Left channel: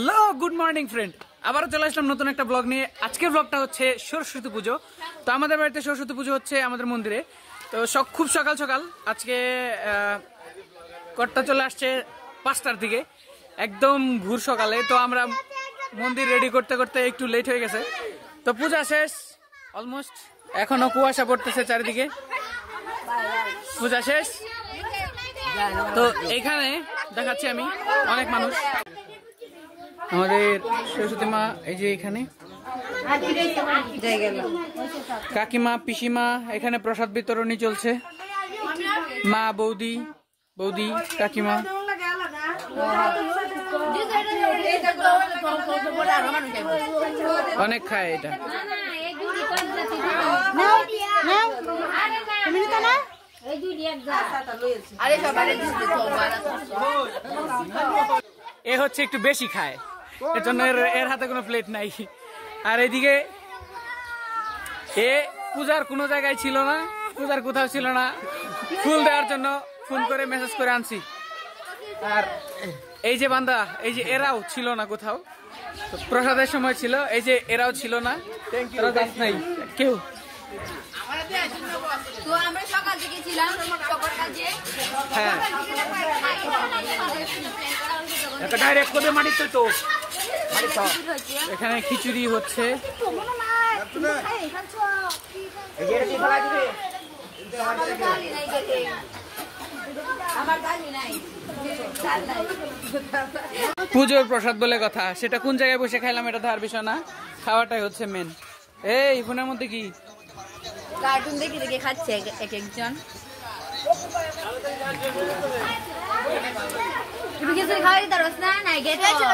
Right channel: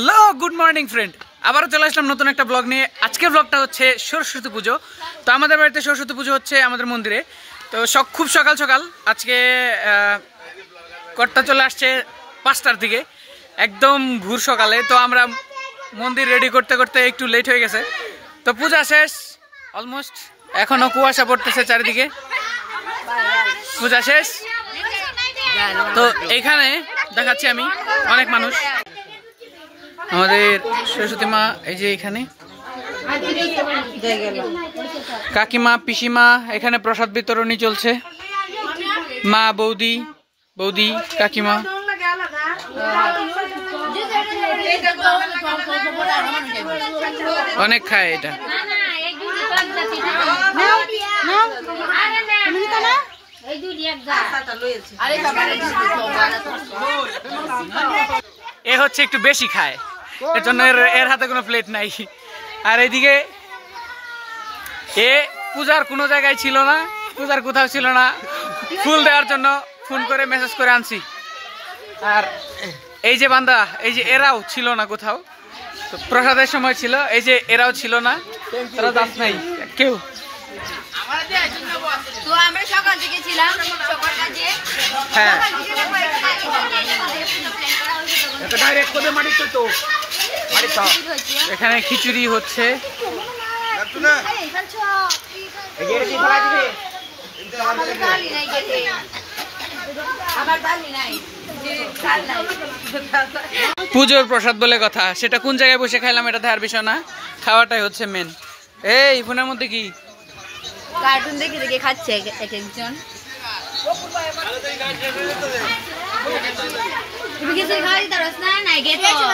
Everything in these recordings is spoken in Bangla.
হ্যালো গুড মর্নিং ফ্রেন্ড, আবারও চলে আসলাম নতুন একটা ব্লগ নিয়ে। আজকের ব্লগটা হচ্ছে সরস্বতী পুজো। তো আমাদের বাড়িতে সরস্বতী পুজো হচ্ছে আমাদের মন্দিরে। তো খুব সকাল সকাল আজকে কর্তা চলে আসছে 5টার দিকে, একদম ভোর সকালে। তো আমরা মন্দির রেডি করতে করতে একটু লেট হয়ে গেছে। তো পূজা শেষ অলমোস্ট, এখনও কুয়াশা পড়তেছে চারিদিকে। পূজা শেষ। তো এইখানে দেখাচ্ছি আমি অনেক মানুষ, আমাদের সরস্বতী মা এই যে এখানে, কাকিমা পিসিমা এখানে প্রসাদ বিতরণী চলছে। মা বৌদি বৌদি কাকিমা অনেক খায় এটা। এ হচ্ছে একটু বেশি খায়, এর জন্য এর হাতে কোনো প্লেট নাই। আর এইদিকে এ পূজার কোনো জায়গায় ছিল না, পূজার কোথাও ছিল না, ফুল দেওয়ার জন্য ফোন করে মেসেজ করে আনছি। আর এই যে বান্দা, এই যে এরাও ছিল না কোথাও, তো প্রসাদের সময় ছিল, এই যে এরাও ছিল না, তারা দাস নাই কেউ। হ্যাঁ, এখানে খিচুড়ি হচ্ছে। পুজোর প্রসাদ বলে কথা, সেটা কোন জায়গায় বসে খাইলাম এটা দেখার বিষয় না, খাওয়াটাই হচ্ছে মেন। এই ফোনের মধ্যে কি কার্টুন দেখে দেখে খাচ্ছে একজন। তুমি কিছু খাওয়া দিতে পারছ না? নাই গেছো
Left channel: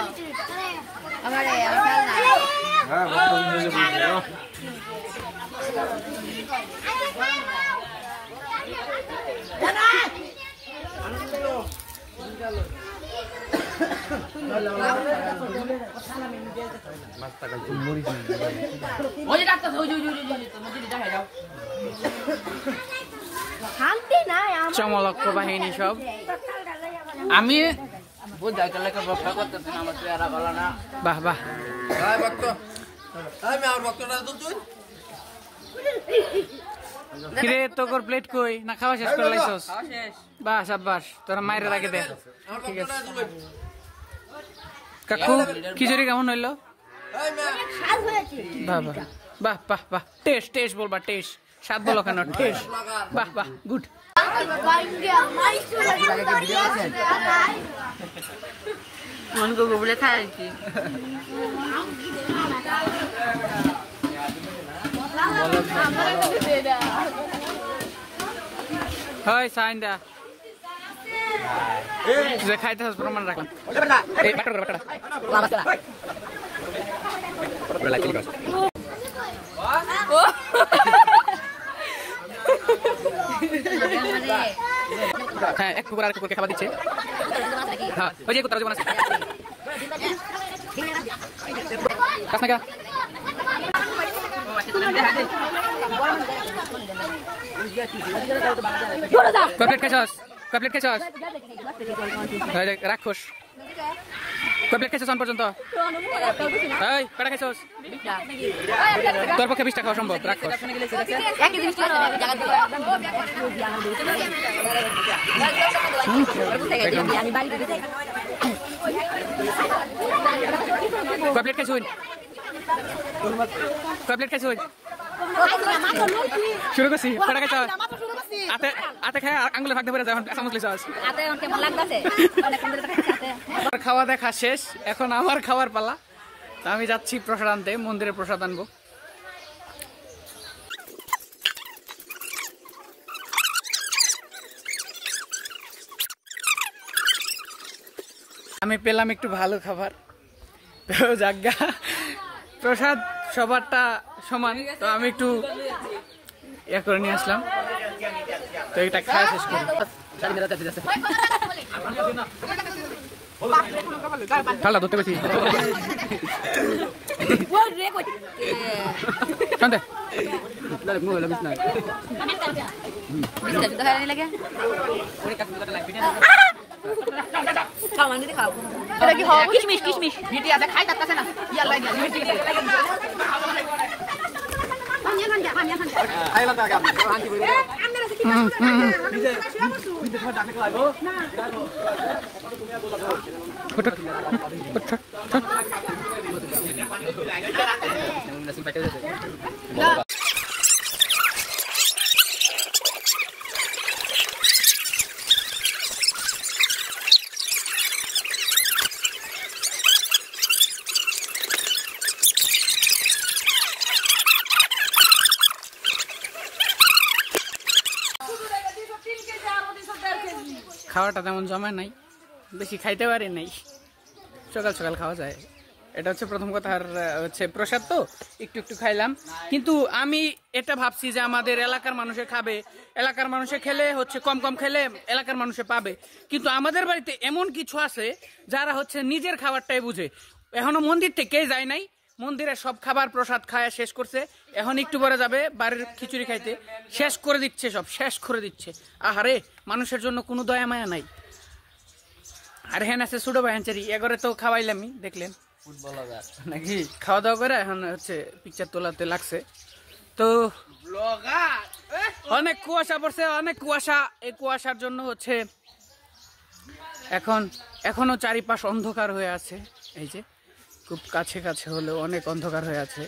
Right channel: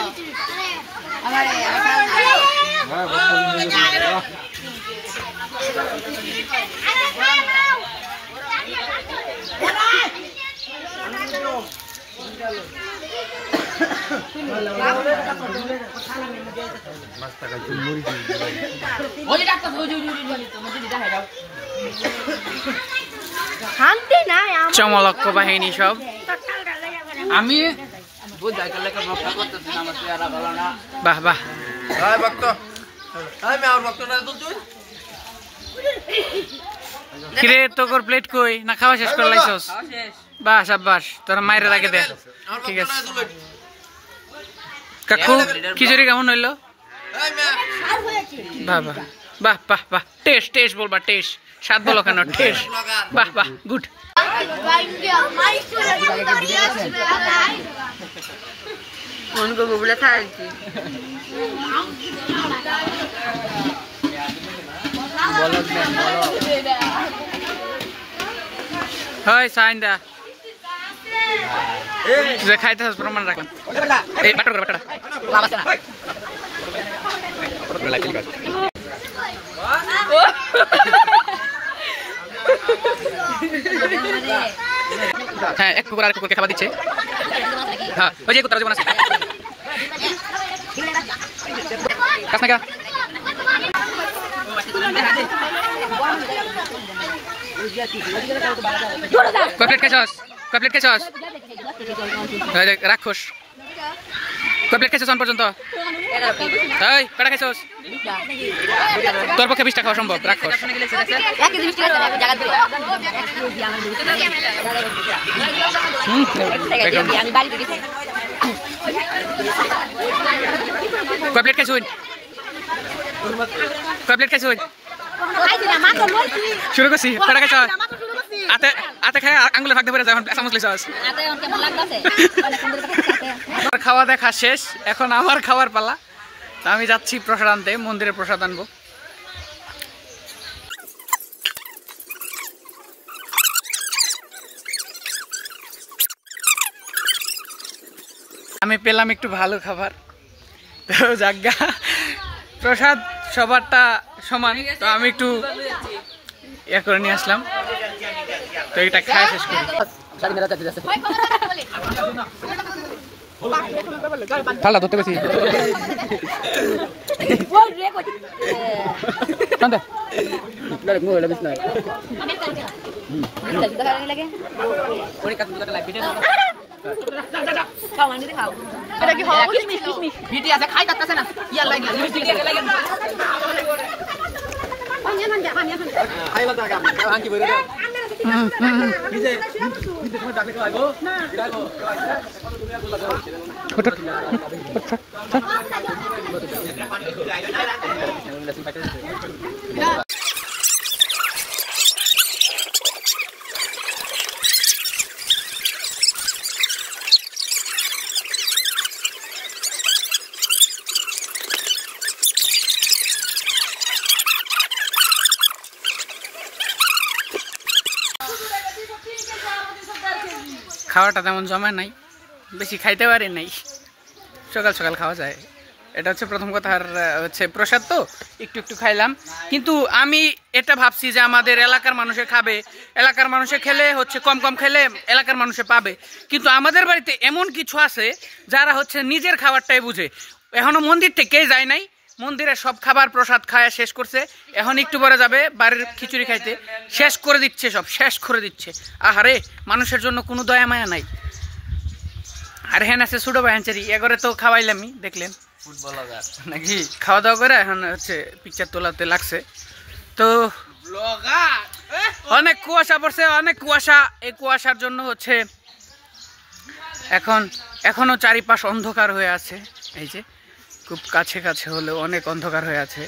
আমারে চমলক্ষ বাহিনী সব। আমি বাহ বাহ, কিরে তোর প্লেট কই? না খাওয়া শেষ করে লাইছস? বাস আব্বাস, তোরা মায়ের আগে দে। ঠিক আছে কাকু, খিচুড়ি কেমন হইলো? বাহ বাহ বাহ বাহ বাহ, টেস্ট টেস্ট বলবা, টেস্ট স্বাদ বলো কেন, টেস্ট। বাহ বাহ গুড। হয় সাইন্দা যে খাইতে প্রমাণ রাখলাম। এই বাটা করে বাটা হ্যাঁ, এক কুকুর আর কুকুরকে খাবার দিচ্ছে। হ্যাঁ, ওই যে কুকুর জীবন আছে কাছ না কা কমপ্লিট খাইছস? কমপ্লিট খাইছস? রাক্ষস কমপ্লিট খাইছস পর্যন্ত? এই কটা খাইছস? তোর পক্ষে 20টা খাওয়া সম্ভব? রাক্ষস। কমপ্লিট খাইছুন? কমপ্লিট খাইছুন? শুরু করছি। কটা খাইছস? আতে খায় আঙ্গুলে ফাঁক ধরে যায়, এখন চামচ লিছস। খাওয়া দেখা শেষ, এখন আমার খাওয়ার পালা। তা আমি যাচ্ছি প্রসাদ আনতে, মন্দিরে প্রসাদ আনবো। আমি পেলাম একটু ভালো খাবার, তো জায়গা প্রসাদ সবারটা সমান, তো আমি একটু ইয়ে করে নিয়ে আসলাম। তো এটা খায় শেষ করি। ঠান্ডা ধরতে পেরেছি। এটা কি হবে কিশমিশ কিশমিশ ভিটি আছে খাই তাতে না ইয়া লাগে লিপস্টিক লাগে খাইলা দাগা আনকি বইরে নিজে নিজে তোমার ডাকে খাইবো ফটো খাওয়াটা তেমন জমা নাই, বেশি খাইতে পারে নাই, সকাল সকাল খাওয়া যায়। এটা হচ্ছে প্রথম কথা। আর হচ্ছে প্রসাদ তো একটু একটু খাইলাম, কিন্তু আমি এটা ভাবছি যে আমাদের এলাকার মানুষে খাবে, এলাকার মানুষে খেলে হচ্ছে কম কম খেলে এলাকার মানুষে পাবে, কিন্তু আমাদের বাড়িতে এমন কিছু আছে যারা হচ্ছে নিজের খাবারটাই বুঝে। এখনো মন্দির থেকেই যায় নাই, মন্দিরে সব খাবার প্রসাদ খায় শেষ করছে, এখন একটু পরে যাবে বাড়ির খিচুড়ি খাইতে, শেষ করে দিচ্ছে, সব শেষ করে দিচ্ছে। আহারে, মানুষের জন্য কোনো দয়া মায়া নাই। আর হ্যাঁ আছে ছোটো ভাইয়াঞ্চারি, এগরে তো খাওয়াইলামই, দেখলেন নাকি, খাওয়া দাওয়া করে এখন হচ্ছে পিকচার তোলাতে লাগছে। তো অনেক কুয়াশা পড়ছে, অনেক কুয়াশা। এই কুয়াশার জন্য হচ্ছে এখনো চারিপাশ অন্ধকার হয়ে আছে। এই যে খুব কাছে কাছে হলেও অনেক অন্ধকার হয়ে আছে।